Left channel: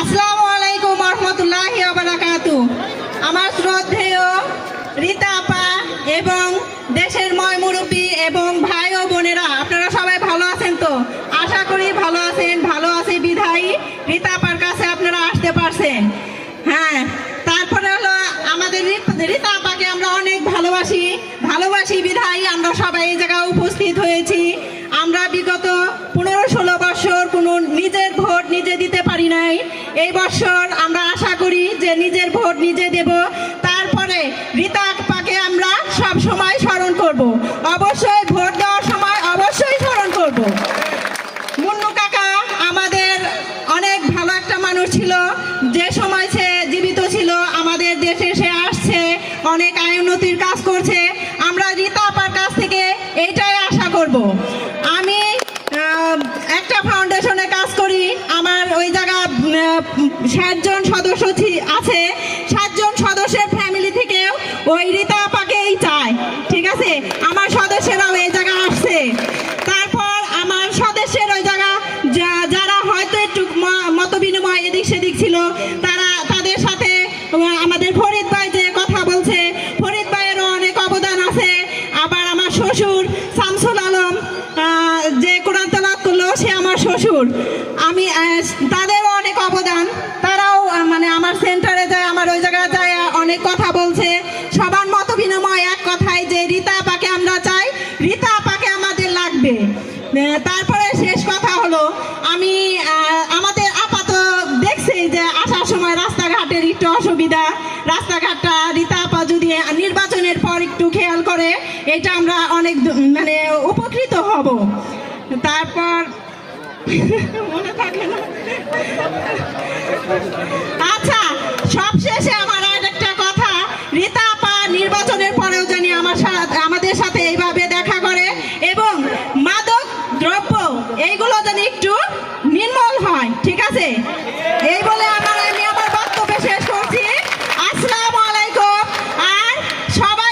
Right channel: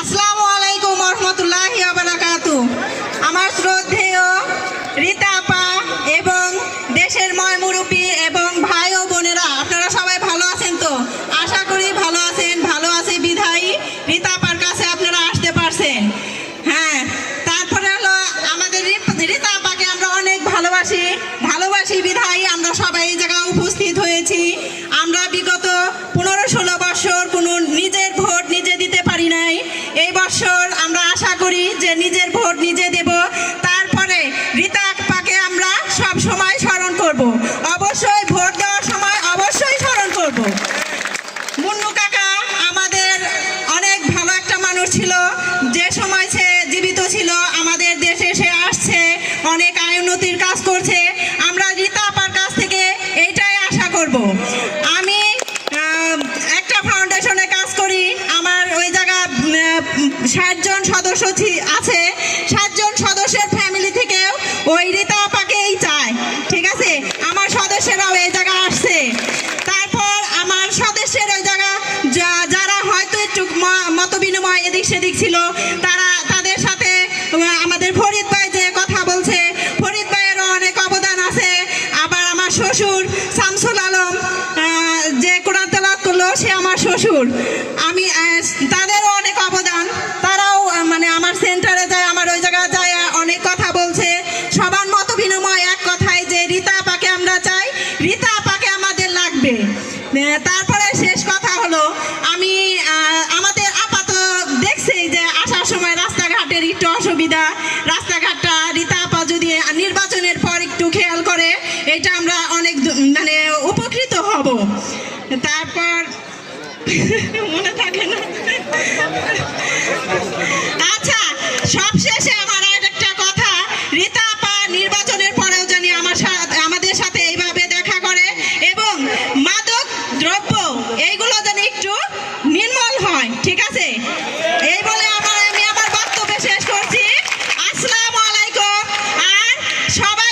আসসালামু আলাইকুম রহমতুল্লাহি ওয়া বারাকাতুহু। আমার শ্রদ্ধেয় রীতা আপা এবং দেশের ময় মুরব্বী এবং ভাই ও বোনেরা, আপনারা সবাই ভালো আছেন তো? আশা করি ভালো আছেন। ভালো আছে বিধায়ী রীতা আপার কাছে আপনারা আসতে পারছেন। হ্যাঁ, তারপরে হলো আমাদের রীতা আপাকে আমরা অনেক ভালোবাসি বিধায়ী আমরা সবাই এই জায়গায় উপস্থিত হয়েছি। আমরা বিগত 15-16 বছর কোনো নিজের ভোট নিজে দিতে পারি নাই। এই বছর আমরা আশা করি যে নিজের ভোট নিজে দেব। তারপরে রীতা আপাকে আমরা সব সময় স্মরণ করব, অবশ্যই ভোট দেওয়ার সময় অবশ্যই স্মরণ করব। মুন্নু কাকা আমাদের অনেক ভালো একটা মানুষ ছিল, যে সময় সে জীবিত ছিল আমাদের দেশে সে আসছে, অনেক উন্নতির কাজ করছে। আমরা রীতা আপার কাছ থেকে এইটাই আশা করব। আমি একটা ফাউন্ডেশনে কাজ করি, আমার ওই জায়গা 60 জন সদস্য আছে। 60 জন সদস্যের ফ্যামিলি থেকেও ওই রীতা আপাকেই চায়, ঠিক আছে? আমার সদস্যরাও এই জায়গা আসছে। তারপর আমার সদস্যের ওই জায়গা যারা হয়তো একটু মত বিনিময় এদিক সেদিক ছিল, তাদের সাথে আমাদের ফরিদ ভাই যে কথা বলছে, ফরিদ ভাইয়েরও অনেক অবদান আছে। আবার আমার শ্বশুর শামসুল আলম যে কোরআন তেলাওয়াত করলো, সে আমার শ্বশুর। আমি তাদেরও অনেক অবদান। তারাও মানে আমার সেন্টারে যায়, আমার ওই জায়গায় যায় অনেক কথা বলছে। সবার মত বিনিময় এক কথাই যে রীতা আপাকে আমরা চাই, রীতা আপাকে আমাদের লাগবে। তারপরে শেষ কথা হলো, আমি আমাদের আপাত দেখছি যে আসার সময় রাস্তাঘাটের একটু অসুবিধা। রাস্তাঘাটটা রীতা আপা যদি নির্বাচনের পর একটু খেয়াল করে, এটা আমরা অনেক মানে উপকৃত হব। তারপর মনে থাকে না। আচ্ছা, সবশেষে আমার আর একটা কথা, রীতা আপা নির্বাচনের পরেও জানি আমাদের সাথে এইভাবে দেখা করে এবং মাদক দ্রব্য এইগুলো জানি একটু নির্মূল হয়, ঠিক আছে? এই বলে আমি আমার বক্তব্য শেষ করছি। আসসালামু আলাইকুম। আর সবাই